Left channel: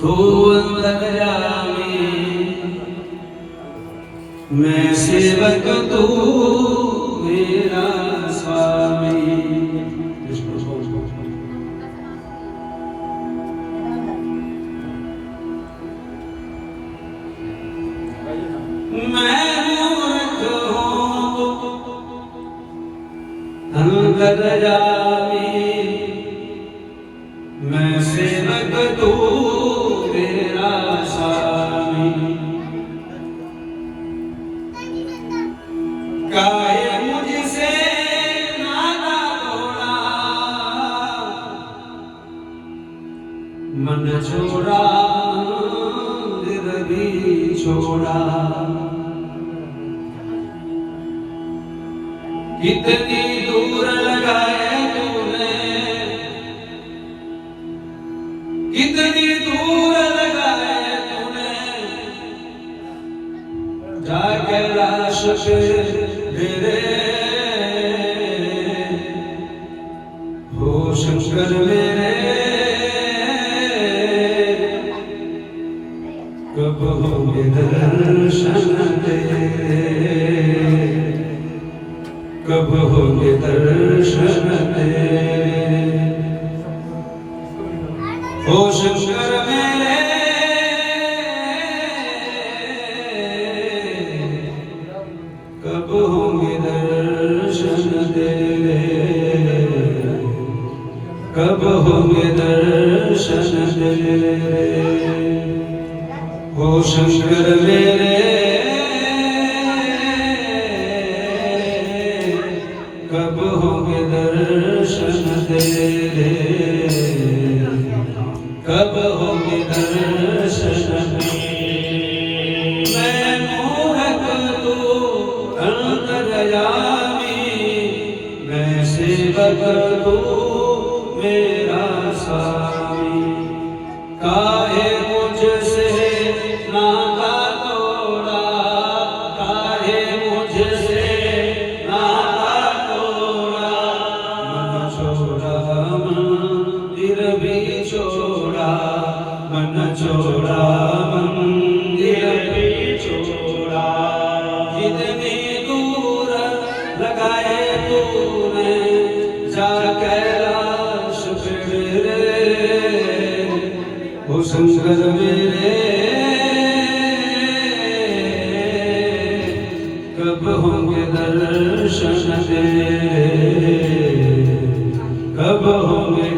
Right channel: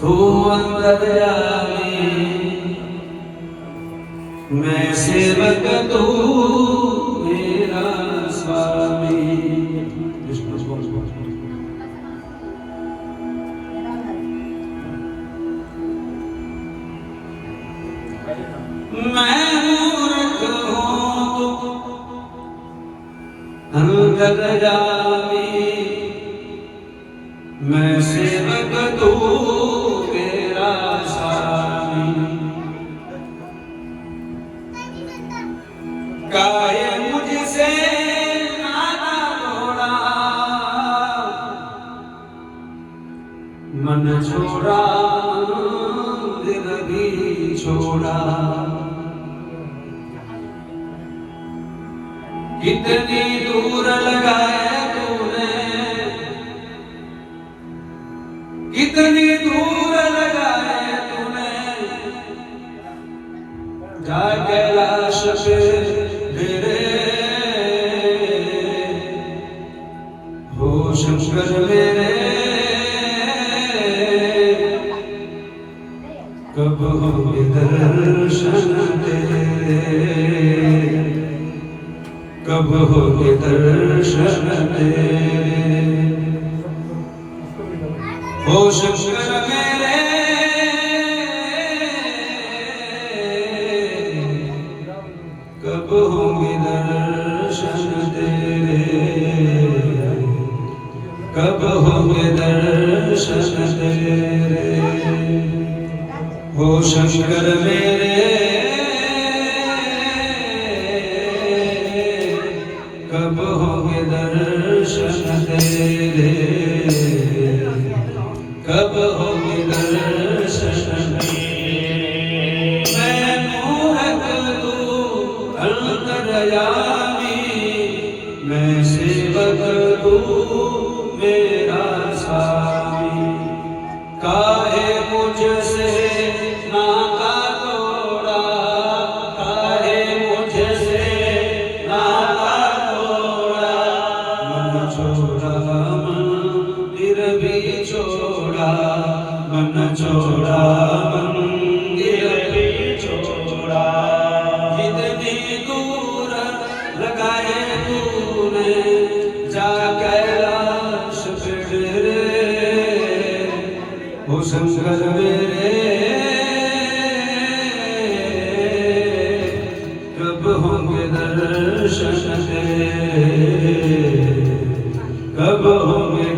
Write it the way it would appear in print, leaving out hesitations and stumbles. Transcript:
तू अंतर्यामी मैं सेवक तू मेरा स्वामी। मैं मूर्ख हूँ अंतर्यामी मैं सेवक तू मेरा स्वामी। काहे मुझसे नाता तोड़ा मन छोड़ा दिल भी छोड़ा। कितनी दूर लगाए तूने कितनी दूर लगाए तूने जा कैलाश पे मेरे हो शंकर मेरे कब होंगे दर्शन तेरे कब होंगे दर्शन तेरे हो शंकर मेरे कब होंगे दर्शन तेरे कब होंगे दर्शन तेरे हो शंकर मेरे कब होंगे दर्शन तेरे कब होंगे दर्शन मैं मूर्ख तू अंतर्यामी मैं सेवक तू मेरा स्वामी। काहे मुझसे नाता तोड़ा काहे मुझसे नाता तोड़ा मन छोड़ा मंदिर भी छोड़ा मन छोड़ा मंदिर भी छोड़ा। जितनी दूर लगाए तूने जा कैलाश पे मेरे हो शंकर मेरे कब होंगे दर्शन तेरे कब होंगे